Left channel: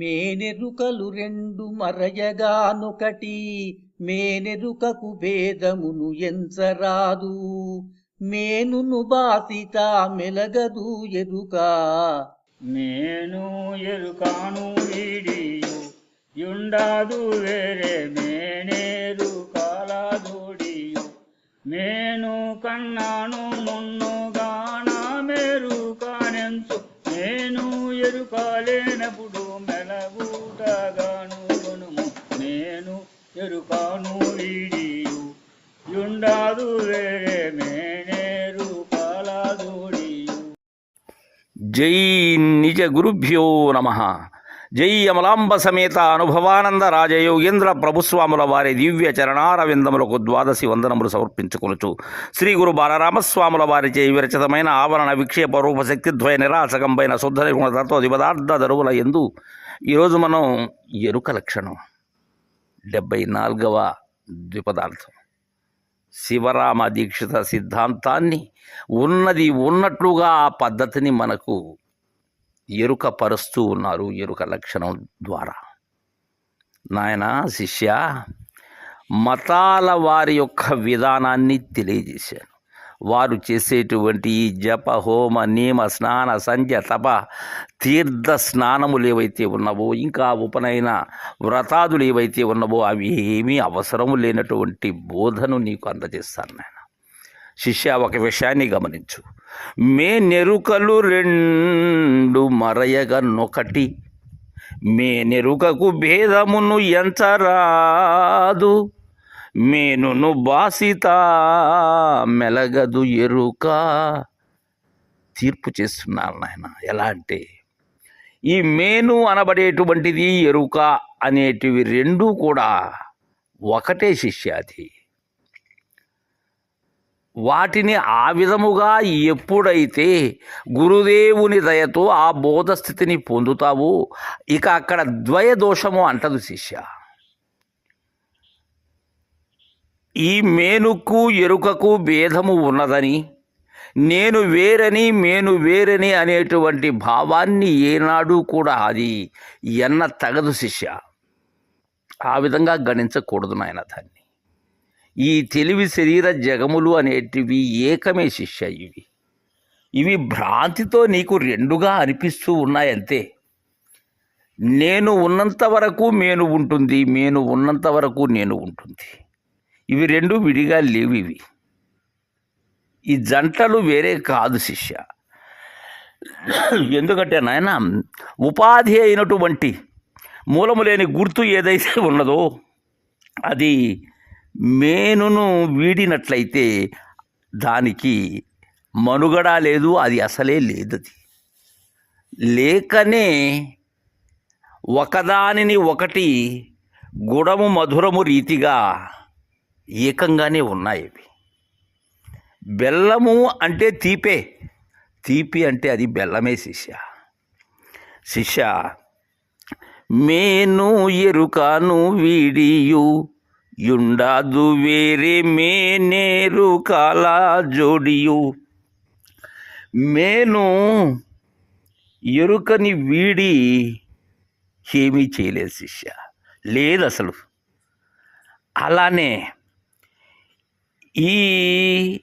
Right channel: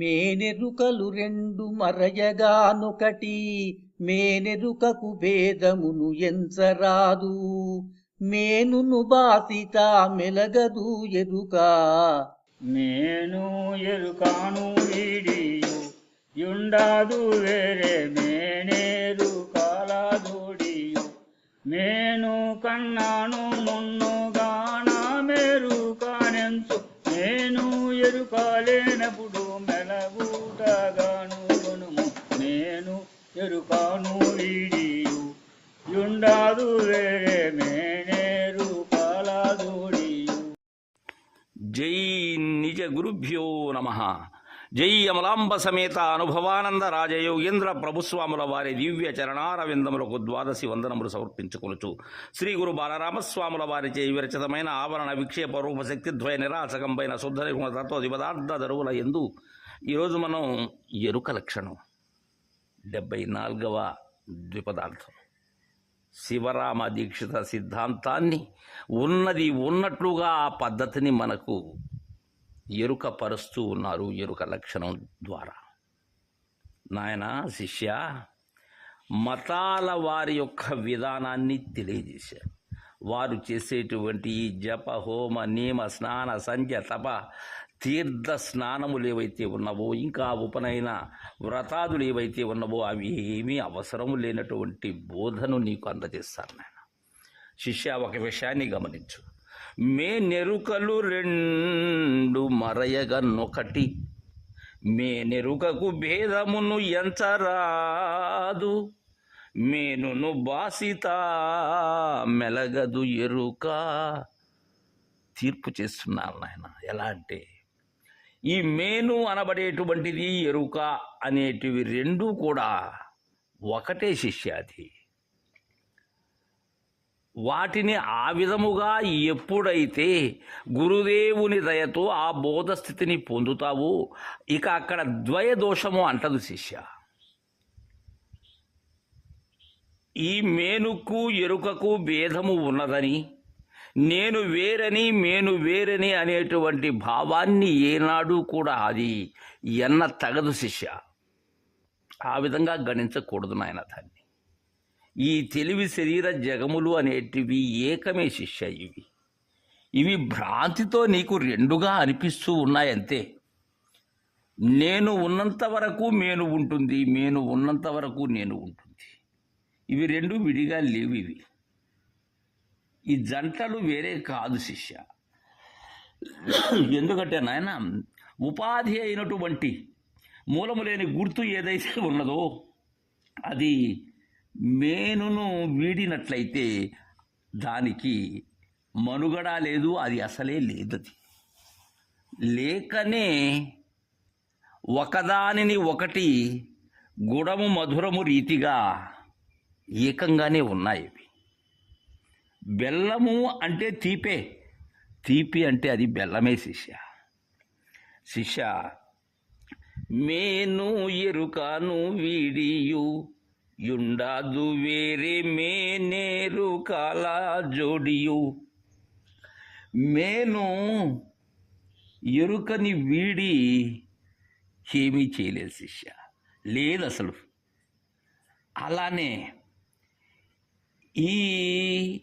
మేనెరుకలు రెండు మరయగానొకటి మేనెరుకకు భేదమును ఎంచరాదు. మేనును బాసిత మెలగదు ఎరుక. నేను ఎరుకాను వీడియు యుండాదు వేరే మేనేరు కాలాదుడియు. నేను కన్నాను మున్నుగాన మేరు కానెంచు నేను ఎరుకాలేనప్పుడు ఎరుపాను ఇడియు యుండాదు వేరే మేనేరు జై నిజ గురుభ్యో నమ. జై అమలాంబ సమేత అనుభవానంద రాజయోగేంద్ర ప్రభుస్వాముల వారి దివ్య చరణారవిందములకు ద్వాదశి వందనములు సమర్పించుకొనుచు. శ్రీ గురు బాలరామస్వాముల వారిచే విరచితమైన ఆవరణ విక్షేప రూపశక్తిద్వయ నిరాశకంపైన శుద్ధ నిర్గుణ తత్వ పదార్థ దరువుల ఎందు. ఈరోజు మనం ఎరుక లక్షణం. డెబ్బై నాలుగవ ద్విపదార్థం. శివరామ దీక్షిత సిద్ధాంతాన్ని ఉన్నది ఉన్నట్లుగా ఆ పద్ధతిని మనకు ఎరుక పరుస్తూ ఉన్నారు ఎరుక లక్షణం ద్వారా. నాయన శిష్య మతాల వారి యొక్క విధానాన్ని తెలియజేశాను. వారు చేసేటువంటి ఈ జప హోమ నియమ స్నాన సంధ్య తప తీర్థ స్నానములు ఏవైతే ఉన్నావో ఇంకా ఉపనయన వ్రతాదులు ఏవైతే ఉన్నావో అవి ఏమీ అవసరము లేనటువంటి బోధను నీకు అందజేస్తాను నాయన. శిష్య ఒక విషయాన్ని గమనించు. మే నెరుకలు రెండు మరయగనొకటి మే నెరుకకు భేదమును ఎంచరాదు మేనును బాసిత మెలగదు ఎరుక. తీర్పు చేస్తున్నారు నాయన. ఎలా అంటే ఈ మేను అనబడేటువంటిది ఎరుక అనేటివి రెండూ కూడా ఒకటే శిష్యాది. వాటిని ఆ విధముగా ఎప్పుడైతే గురుదేవుని దయతో ఆ బోధస్థితిని పొందుతావో ఇక అక్కడ ద్వయ దోషము అంటదు శిష్య. ఈ మేనుకు ఎరుకకు భేదము ఉన్నదని నేను వేరని మేను వేరని అనేటువంటి భావాన్ని ఏనాడు కూడా అది ఎన్న తగదు శిష్య. ఆ విధంగా గణించకూడదు నాయన దాన్ని ఈ తెలివి శరీర జగములు అనేటివి ఏకమే శిష్య ఇవి. ఇవి భ్రాంతితో నీకు రెండుగా అనిపిస్తూ ఉన్నాయంతే. నేను ఉన్నంత వరకు మేను ఉంటుంది మేను ఉన్నంత వరకు నేను ఉంటుంది. ఇవి రెండు విడిగా లేవు ఇవి. ఈ జంటలు వేరే కాదు శిష్య. ఎందుకంటే నాయన ఉపాధి అయినటువంటి మూలము లేని గుర్తు ఏదైతే ఉన్నదో అది మేనును వీడినట్లయితే దానికి మనుగడ లేదు అది అసలే లేదు అది లేకనే ఒకదానిని ఒకటి గుడము మధురము రీతిగా ఏకంగానే ఉన్నాయి బెల్లము అంటే తీపే. తీపి అంటే అది బెల్లమే శిష్య. శిష్య మేను ఎరుకాను వీడియు యుండాదు వేరే మేనేరు కాల జోడియు. మేను ఎరుకని వీడి ఏమీ చేయలేదు శిష్య. లేదు అసలు. అలానే ఈ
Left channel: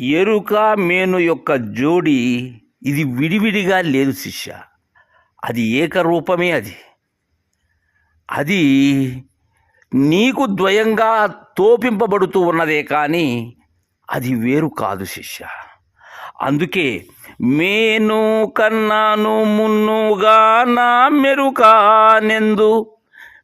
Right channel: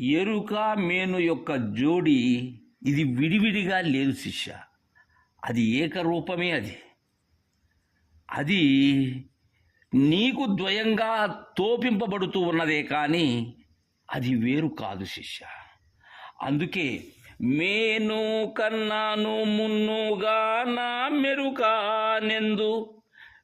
ఎరుక మేను యొక్క జోడి ఇది విడివిడిగా లేదు శిష్య. అది ఏకరూపమే అది. అది నీకు ద్వయంగా తోపింపబడుతూ ఉన్నదే కానీ అది వేరు కాదు శిష్య. అందుకే మేను కన్నాను మున్నుగా నా మెరుకానెందు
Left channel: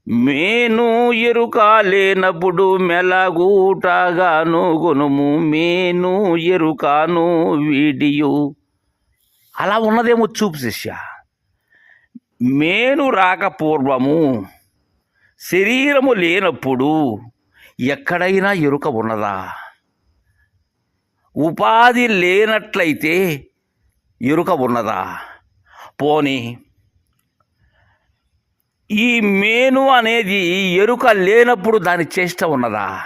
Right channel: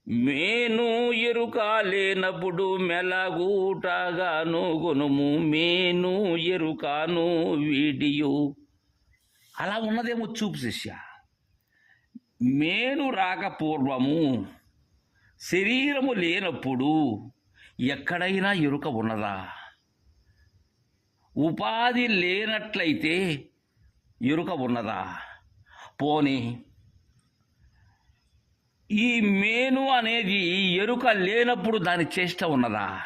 మేను ఎరుక లేనప్పుడు మెలగూటగాను గుణము మేను ఎరుకాను వీడియు. అలా ఉన్నదేమో చూపు శిష్య. మేను రాక పూర్వము శరీరము లేనప్పుడు ఎక్కడైనా ఎరుక ఉన్నదా? ఉపాధి లేనట్లయితే ఎరుక ఉన్నదా? పోనీ ఈ మేను అనేది ఎరుక లేనప్పుడు దాని చేష్ట ఉన్నదా?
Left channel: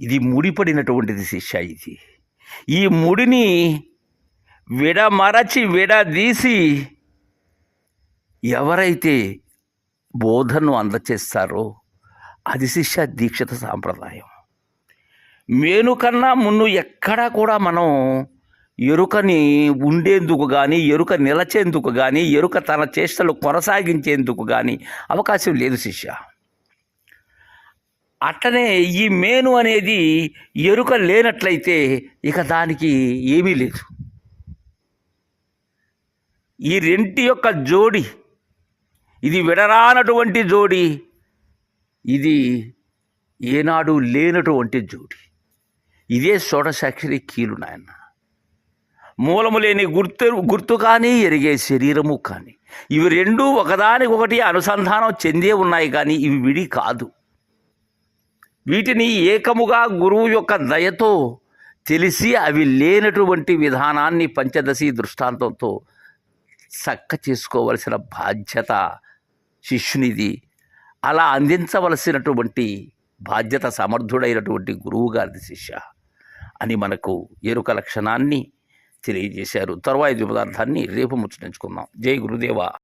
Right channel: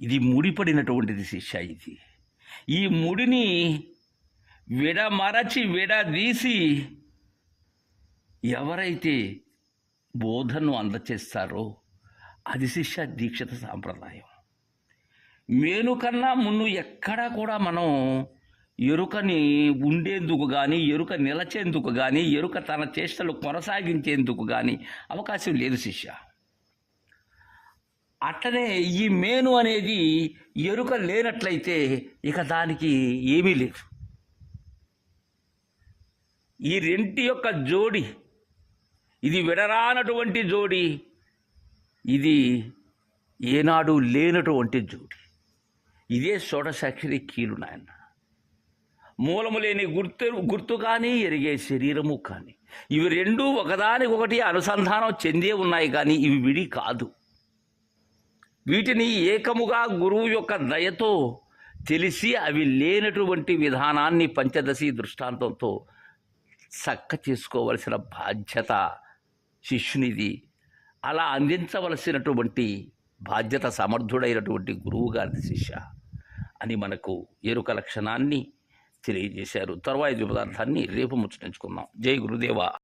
ఇది ముడిపడినటువంటిది శిష్య ఇది. ఈ ముడిని విడమరచి విడదీసి ఎవరైతే బోధను అందచేస్తారో అది శిష్య దీక్షిత సాంప్రదాయం. మేను కన్నా మున్ను ఎక్కడా కూడా మనం ఎరుకని ఉండేందుకు కానీ ఎరుక నిలచేందుకు కానీ ఎరుక తన చేష్టలు కొనసాగించేందుకు కానీ అవకాశం లేదు శిష్య. అట్లనే ఈ మేను అనేది ఎరుక లేనట్లయితే ఇక దానికి ఏమీ లేదు. ఈ రెంటి యొక్క జోడి ఇది విడరానటువంటి జోడి ఇది ఏనాడు లేనటువంటి జోడి. ఇదే షోడసాక్షరి కీలు నాయన. మూలము లేని గుర్తు గుర్తు కానీ ఎరిగే శరీరము కానీ. ఇవి రెండూ ఒకదానికొకటి అనుసంధానం చెందే ఉన్నాయి కానీ ఇవి విడి కాదు. వీటిని ఏకముగా గురువు యొక్క దయతో తెలిసి అవి లేనటువంటి విధానాన్ని పంచదశి దృష్టాంతంతో చక్క చేసుకోవలసిన బాధ్యత శిష్యునిది. అలా అందించవలసినటువంటి బాధ్యత సమర్థుడైనటువంటి గురువుగారిది శిష్య అని మనకు ఎరుక లక్షణాన్ని తెలియజేశారు. తరువాయి పదార్థాన్ని రేపు ముచ్చటించుకుందాం. జై గురుదేవా.